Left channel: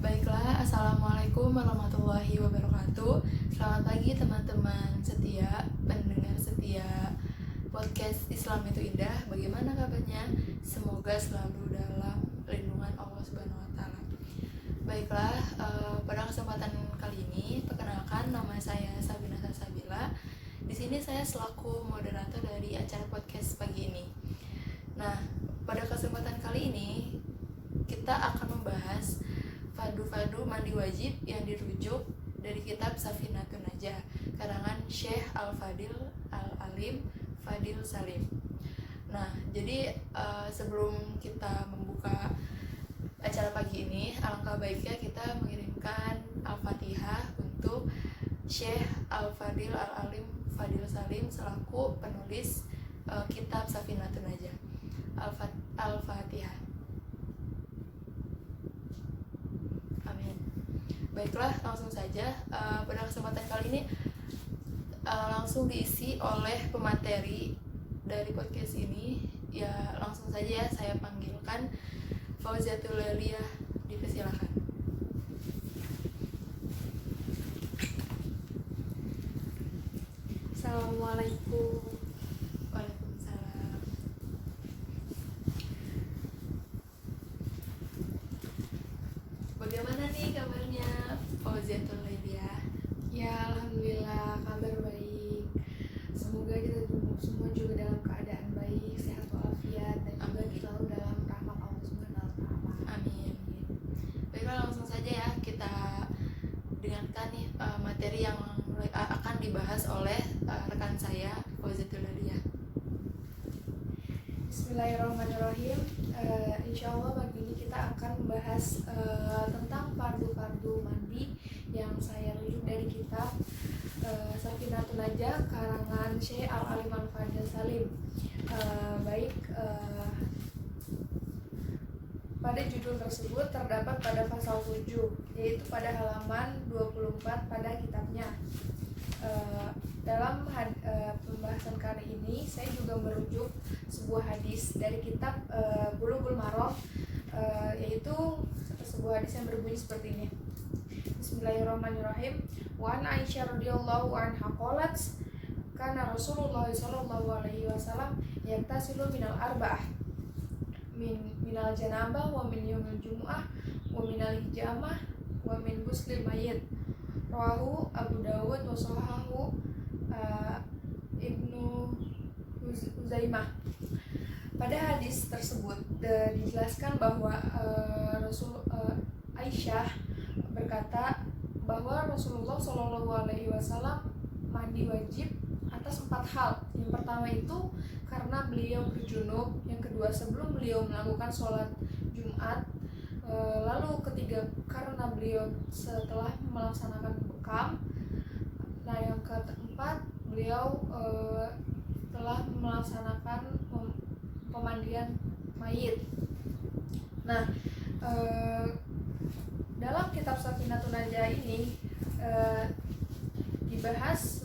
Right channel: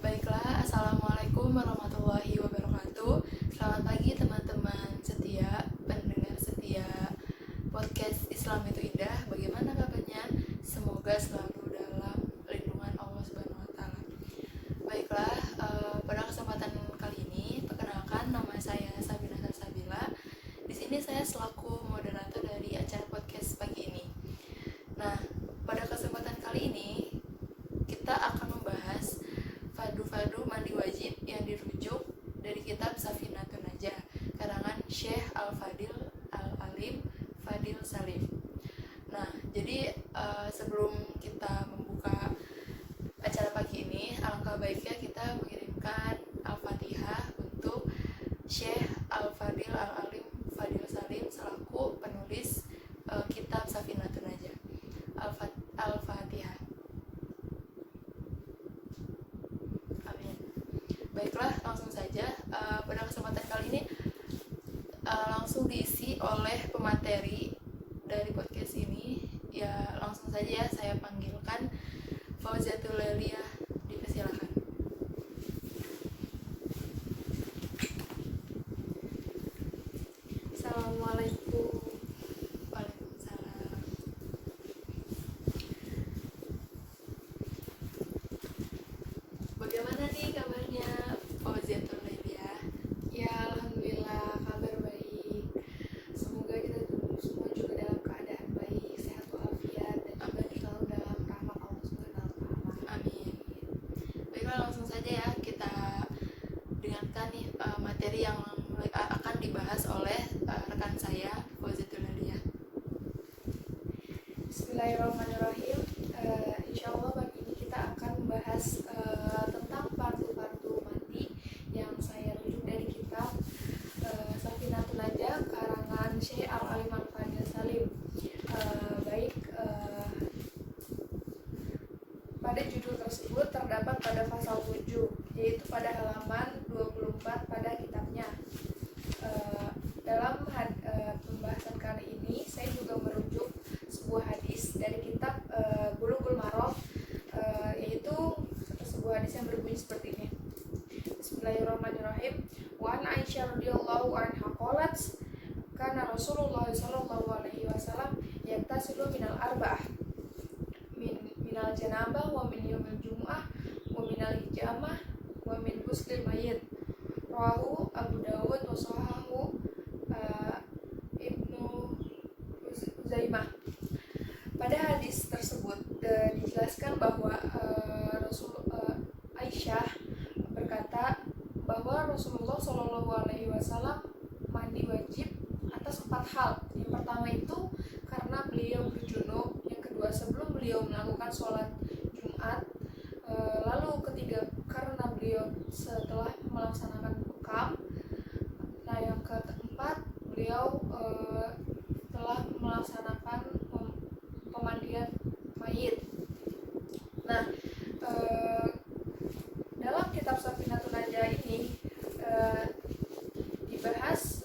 Baiklah, Assalamualaikum warahmatullahi wabarakatuh. Selamat pagi teman-teman setia, pendengar setia podcast Islam itu Indah. Bagaimana kabarnya? Semoga selalu dalam lindungan Allah Subhanahu wa taala. Baiklah, pada kesempatan kali ini perkenalkan, nama saya Sabina Salsabila. Di sini saya selaku moderator dari acara podcast pagi ini. Nah, pada kesempatan kali ini kita akan membahas fadu mandi wajib yang dirujuk dari kitab Safinatun Najah karangan Syekh Al-Fadil Al-Alim Fadil Salim. Nah, jadi sebelum kita membuka acara pagi ini, alangkah baiknya kita mengirimkan Al-Fatihah untuk Syekh Al-Fadil Al-Alim Fadil Salim selaku penulis kitab Safinatun Najah. Al-Fatihah. Baiklah, langsung saja pada kesempatan kali ini langsung diisi oleh pemateri dari podcast ini. Ya, langsung saja ya saya panggilkan Fauziatul Leliyah, dipersilakan. Assalamualaikum. Waalaikumsalam. Bagaimana nih kabarnya Fauziatul Leliyah? Ya, alhamdulillah kabar baik. Semoga kita semua juga dalam keadaan baik, sehat walafiat, dan juga selalu dalam rahmat Allah Subhanahu wa taala. Amin. Baiklah, langsung saja ya kita dengarkan nih materi yang akan dibahas oleh rekan saya Fauziatul Leliyah. Bismillahirrahmanirrahim. Insyaallah pagi ini kita akan membahas tentang fardu mandi yang saya rujuk dari kitab Safinatun Najah karangan Syekh Al-Alim Al-Fadil Salim. Pada judul tersebut terdapat pada pasal 7, yaitu pada halaman 24 pada kitabnya. Dalam pembahasan kali ini saya juga merujuk sebuah hadis dari kitab Bulughul Maram, yaitu sebuah hadis yang berbunyi seperti ini. Bismillahirrahmanirrahim. Wa an Aisyah radhiyallahu anha qalat kana Rasulullah sallallahu alaihi wasallam yaktasilu minal arba'ah minal janabah wa min yaumil jumu'ah wa minal hijamah wa min ghusli mayyit. Rawahu Abu Dawud wa sahahu Ibnu Huzaimah. Pada hadis tersebut dijelaskan bahwa Aisyah berkata bahwa Rasulullah Shallallahu Alaihi Wasallam mandi wajib atas 4 hal. Yang pertama itu karena beliau berjunub, yang kedua sebelum beliau melakukan sholat Jumat, lalu ketiga karena beliau setelah melaksanakan bekam, nah yang keempat beliau telah melaksanakan pemandian mayit. Nah, dalam kitab Safinatun Najah ini dibahas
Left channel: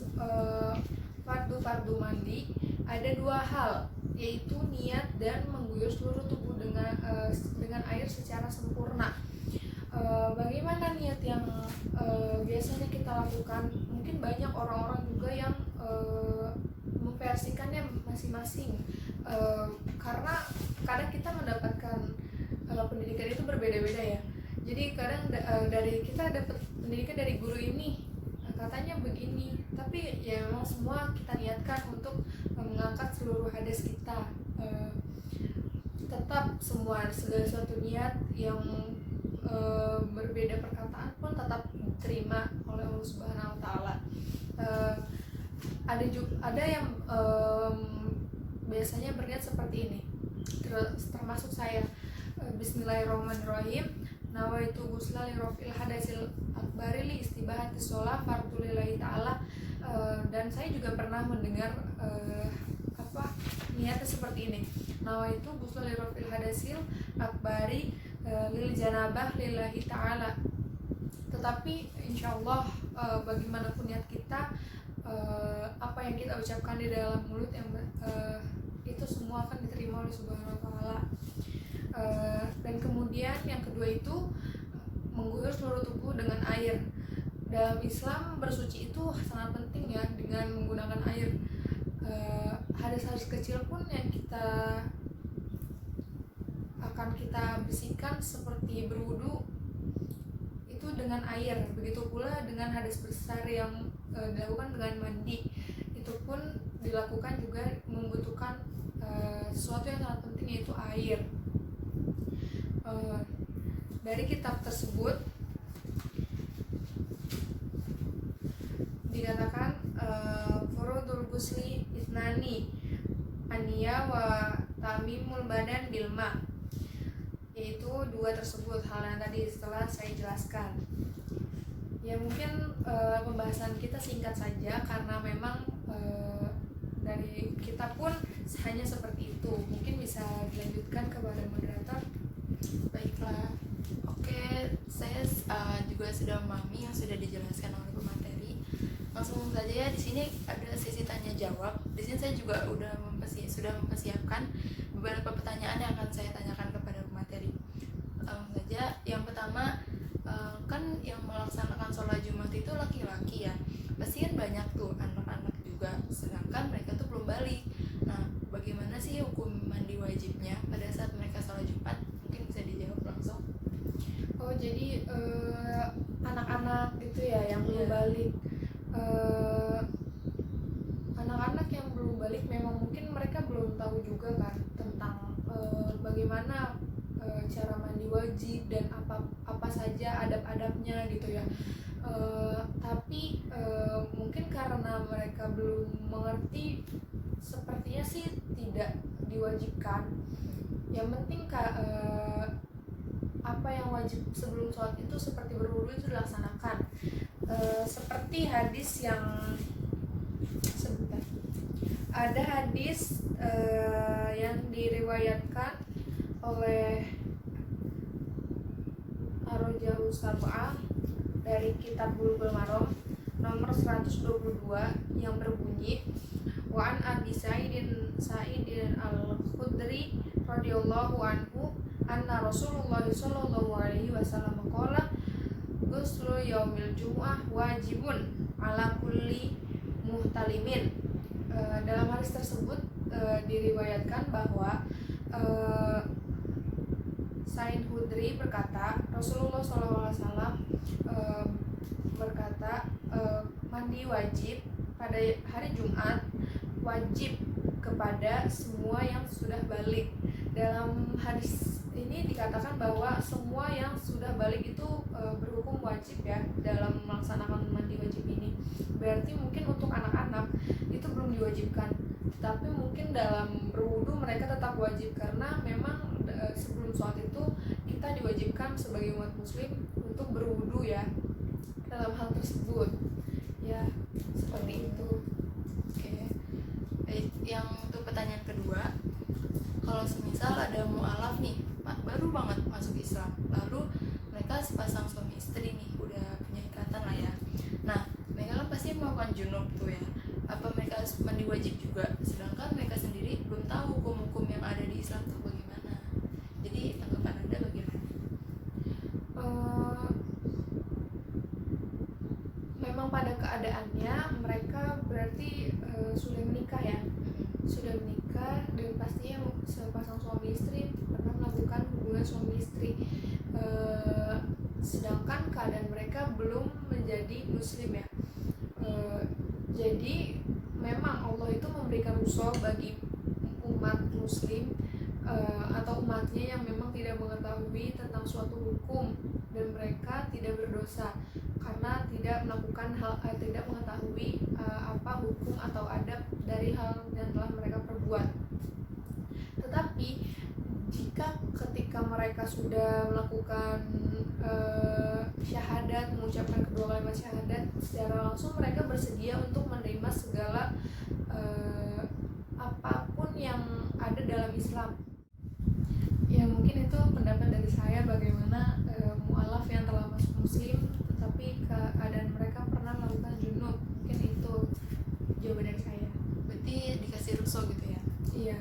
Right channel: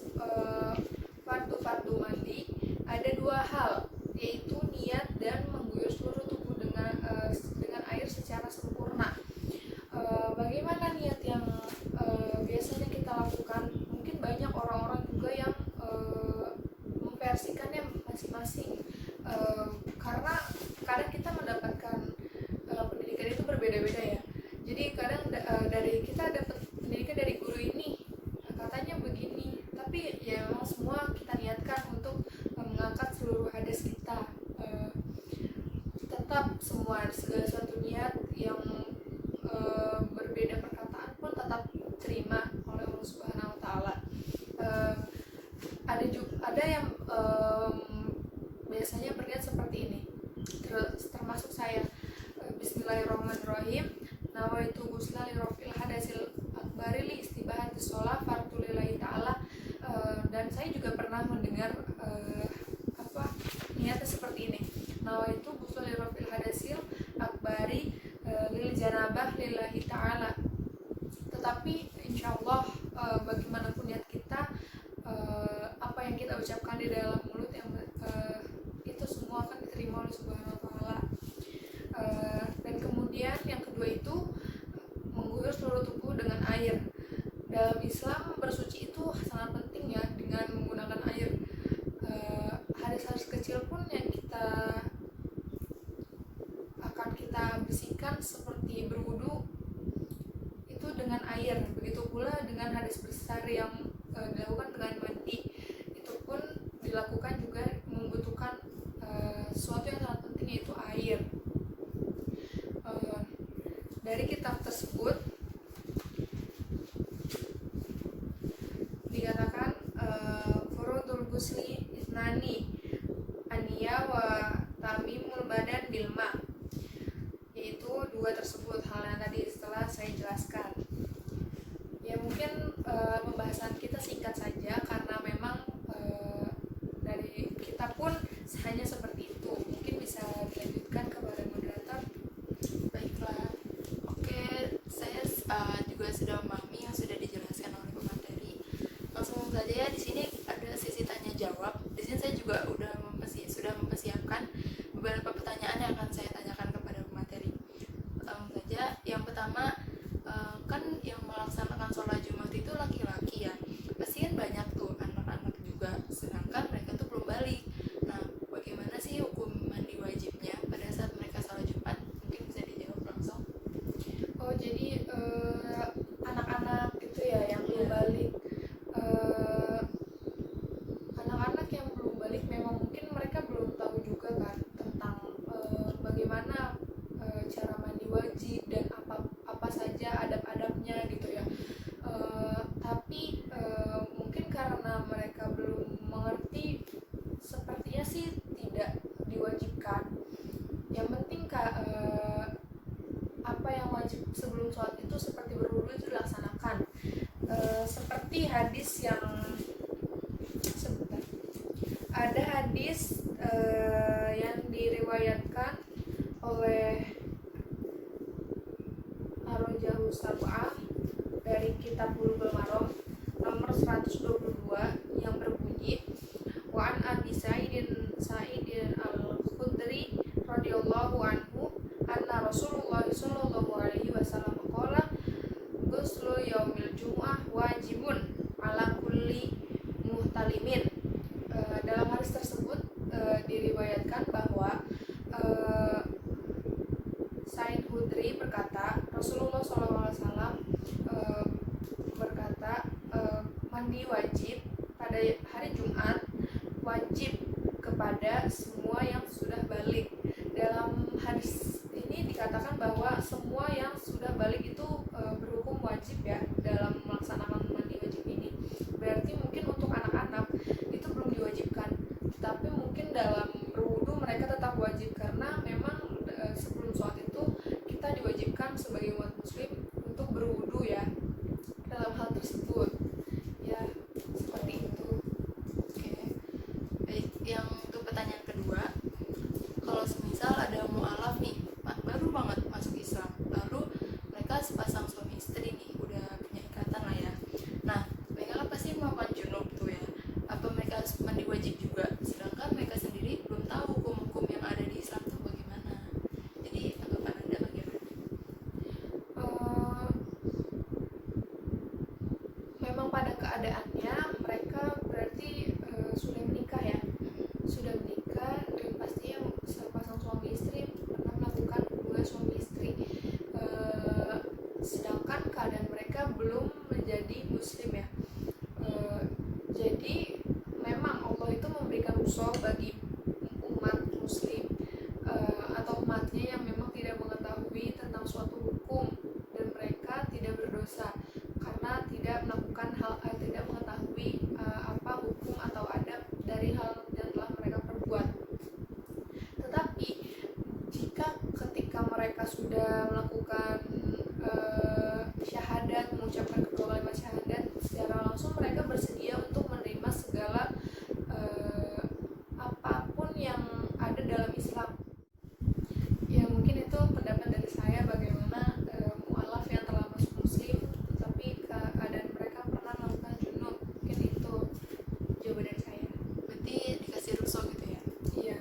fardu mandi ada 2 hal, yaitu niat dan mengguyur seluruh tubuh dengan air secara sempurna. Bagaimana niat yang biasanya kita lakukan? Mungkin banyak orang-orang juga yang memversikannya masing-masing, karena kadang kita mendapatkan pendidikan itu berbeda-beda ya. Jadi kadang dari kita dapat pendidikan dari guru ini katanya begini, tapi ya memang semua kita niatkan untuk mengangkat seluruh hadas kita. Tetap segala suatu niat yang berbeda perkataan pun tetap diterima oleh Allah Subhanahu wa taala. Ada yang biasanya berniat seperti ini, termasuk saya. Bismillahirrahmanirrahim. Nawaitu ghusla li rafil hadasil akbari li istibahati sholat fardu lillahi ta'ala. Dan saya juga pernah mendengar niatnya seperti ini. Nawaitu ghusla li rafil hadasil akbari lil janabah lillahi ta'ala. Tetapi insyaallah bagaimanapun niat kita, apa yang kita ucapkan di dalam mulut yang itu semua akan diterima oleh Subhanahu wa taala. Dan kemudian yang kedua itu mengguyur air. Dalam Islam bersuci itu sangat penting ya, dengan menggunakan air. Hadis-hadis kecil pun yang akan kita bersihkan seperti berwudu itu dengan air. Begitu pula dengan hadis besar yang dilakukan dengan mandi, itu pun dilakukan juga membutuhkan sesuatu yang sangat penting, yaitu air. Dari kitab tersebut dikatakan furudul gusli isnani aniya wa tamimul badan bilma, yaitu dua tersebut hal yang tadi setelah saya jelaskan. Ya mungkin pembahasan kita singkat saja karena memang dari kita pun hanya seperti itu. Mungkin bisa dilanjutkan kepada moderator. Baiklah, oke, saya juga sudah memahami yang sudah dijelaskan oleh pemateri. Langsung saja ya, di sini ada sesi tanya jawab. Di sini saya juga sudah mempersiapkan beberapa pertanyaan yang akan saya tanyakan kepada pemateri. Langsung saja, yang pertama, kan yang melaksanakan sholat Jumat itu laki-laki ya, pasti kan banyak tuh anak-anak juga, sedangkan mereka tuh belum balik. Nah, bagaimana sih hukum mandi wajibnya pada saat mereka sholat Jumat? Mungkin bisa dijawab langsung. Oh, jadi anak-anak gitu ya yang belum balik. Anak-anak yang belum balik memang mungkin mereka belum tahu juga kan tentang bagaimana cara mandi wajib dan apa saja adab-adabnya gitu ya. Tapi mungkin karena mereka belum mengerti, sepertinya sih tidak diwajibkan. Yang penting apa yang wajib sebelum sholat itu seperti berwudu itu dilaksanakan. Seperti hadis yang sebentar, ada hadis yang diriwayatkan oleh Ar-Rajalu Sab'ah dari kitab Bulughul Maram nomor 122 yang berbunyi, wa an Abi Sa'idin Al-Khudri radhiyallahu anhu anna Rasulullah sallallahu alaihi wasallam qala ghuslu yaumil jumu'ah wajibun ala kulli muhtalimin. Dalam hadis tersebut diriwayatkan bahwa Sa'id Khudri berkata, Rasulullah SAW berkata, mandi wajib pada hari Jumat wajib kepada semua yang sudah balik. Dalam hadis ini dikatakan bahwa semua yang sudah balik itu berhukum wajib ya dalam melaksanakan mandi wajib ini. Berarti mungkin untuk anak-anak itu belum diwajibkan, tetapi mungkin dalam berwudu mereka tetap wajib, karena memang sebelum sholat itu kita diwajibkan sebagai umat muslim untuk berwudu ya dalam hal tersebut ya, seperti itu. Oke, baik. Yang untuk pertanyaan kedua, kalau semisal ada mu'alaf nih, baru banget masuk Islam, lalu mereka sepasang suami istri nih, udah punya ikatan lah ya. Nah, mereka kan pasti melakukan junub tuh ya. Apa mereka harus mandi wajib juga? Sedangkan mereka sendiri belum tahu hukum-hukum yang ada di Islam tuh bagaimana. Jadi tanggapan Anda bagaimana? Memang pada keadaannya mereka berarti sudah menikah ya, sudah menikah dan pastinya sepasang suami istri pernah melakukan hubungan suami istri, sedangkan keadaan mereka belum menjadi muslim ya. Jadi memang Allah itu memberikan rukhsah bagi umat muslim atau umatnya yang memang tidak mengetahui tentang suatu hukum, dan mereka tidak berdosa karena tidak melakukan tidak mengetahui apa hukum atau adab dari hal yang telah mereka perbuat. Tetapi jika ketika mereka sudah melakukan syahadat, mengucapkan kedua kalimat syahadat, secara langsung mereka bersedia untuk menerima segala apapun yang ada dalam Islam. Ya mungkin itu pendapat dari saya bagaimana mu'alaf yang telah masuk muslim tetapi keadaan mereka pernah melakukan junub. Mungkin itu jawaban dari saya. Berarti dikasih rukhsah gitu ya? Iya.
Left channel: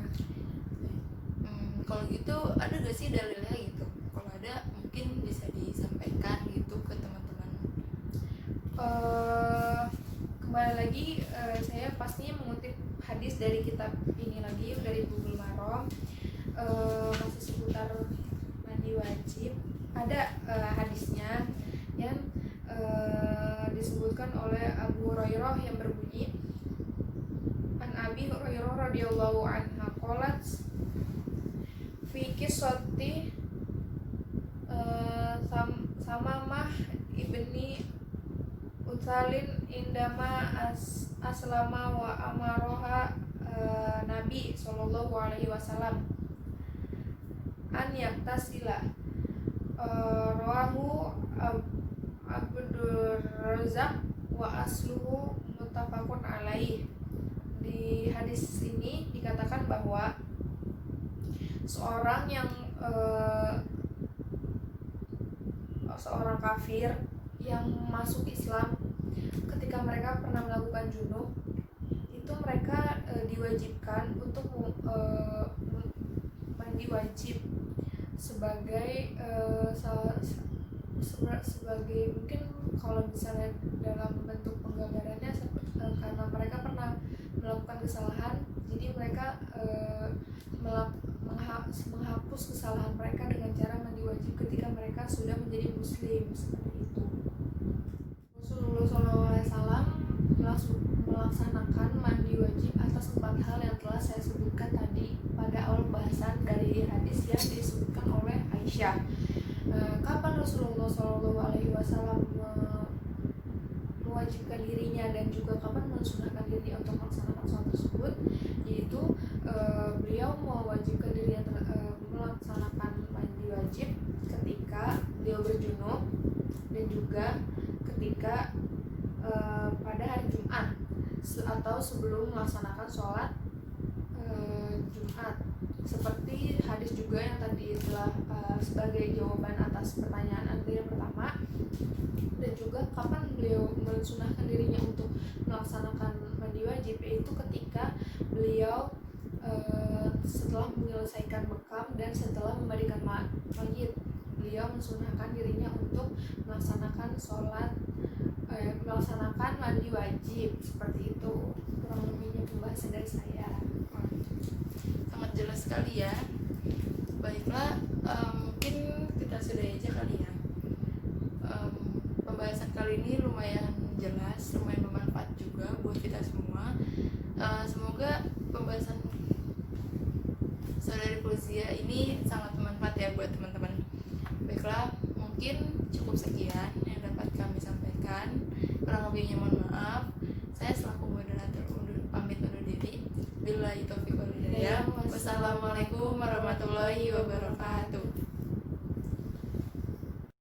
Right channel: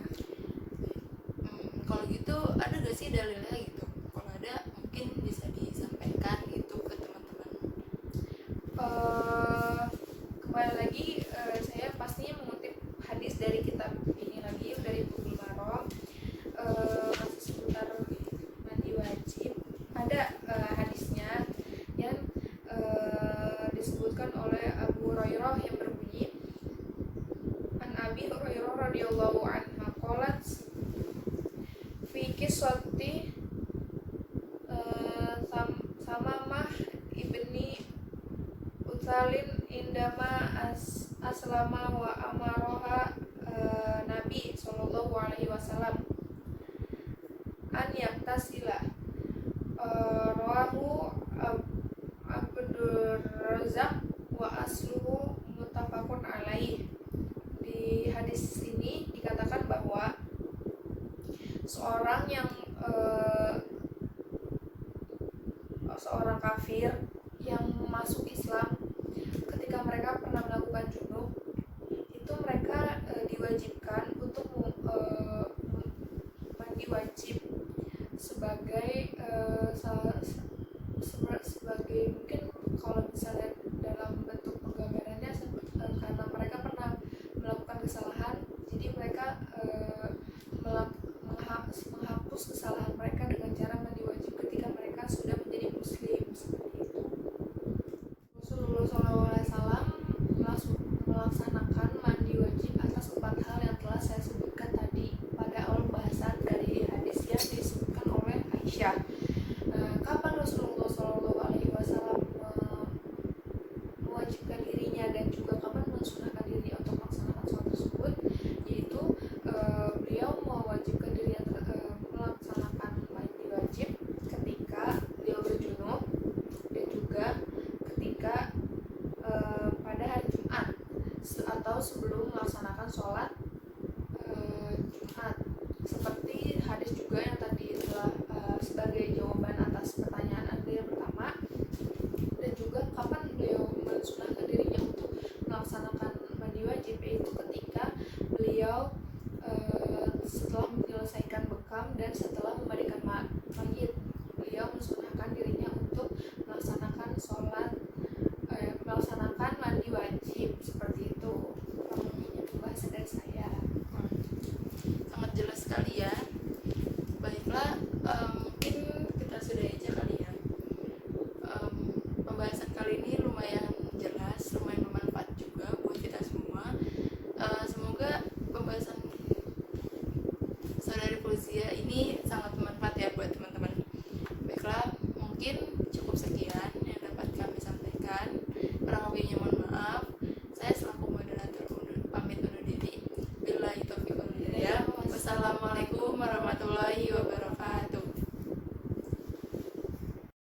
Kalau gitu ada gak sih dalilnya gitu? Kalau ada mungkin bisa disampaikan gitu ke teman-teman hadisnya yang disebutkan oleh Abu Hurairah yang berbunyi, An Abi Hurairah radhiyallahu anha qalat fi qissati Samamah ibni Utsalin indama aslama wa amaroha Nabi sallallahu alaihi wasallam an yaktasila, rawahu Abdur Razak wa asluhu muttafaqun alaih. Di hadis ini dikatakan bahwa seorang kafir yang masuk Islam ketika mereka pernah melakukan junub, itu mereka diwajibkan untuk mandi wajib sebagai sebagai mungkin kalau misalnya dalam bentuk penggambarannya karena mereka pernah melakukan kesalahan, jadi mereka menghapus kesalahan mereka dengan cara mandi wajib ketika mereka sudah menjadi muslim, seperti itu. Rasulullah SAW melaksanakan mandi wajib atas 4 hal yang telah saya sebutkan tadi pada awal bahasan dari hadis yang disebutkan oleh Aisyah. Kapan Rasulullah SAW mewajibkan dirinya dan juga kapan mensunahkan dirinya untuk melaksanakan sholat tersebut, yaitu beliau mewajibkan dirinya melaksanakan mandi wajib ketika beliau berjunub dan juga ketika pada hari Jumat atau sebelum melaksanakan sholat Jumat, seperti hadis juga yang tadi telah sebagai jawaban atas pertanyaan Anda yang pertama. Dan juga kapan beliau mensunahkan dirinya untuk melaksanakan mandi wajib, yaitu ketika beliau setelah menyelesaikan bekam dan setelah memandikan mayit, beliau mensunahkan dirinya untuk melaksanakan melaksanakan mandi wajib, seperti itu. Kurang lebihnya pembahasan dari saya. Sangat jelas sekali ya. Baiklah, mungkin kita sudah aja kali ya. Pembahasan kali ini lumayan jelas, lumayan bermanfaat juga buat kita semua. Semoga pembahasan Saudari Fauzia ini sangat bermanfaat ya buat teman-teman. Baiklah, mungkin cukup sekian yang dapat kami sampaikan. Kurang lebihnya mohon maaf. Saya selaku moderator pamit undur diri. Billahi taufiq wal hidayah. Wassalamualaikum warahmatullahi wabarakatuh.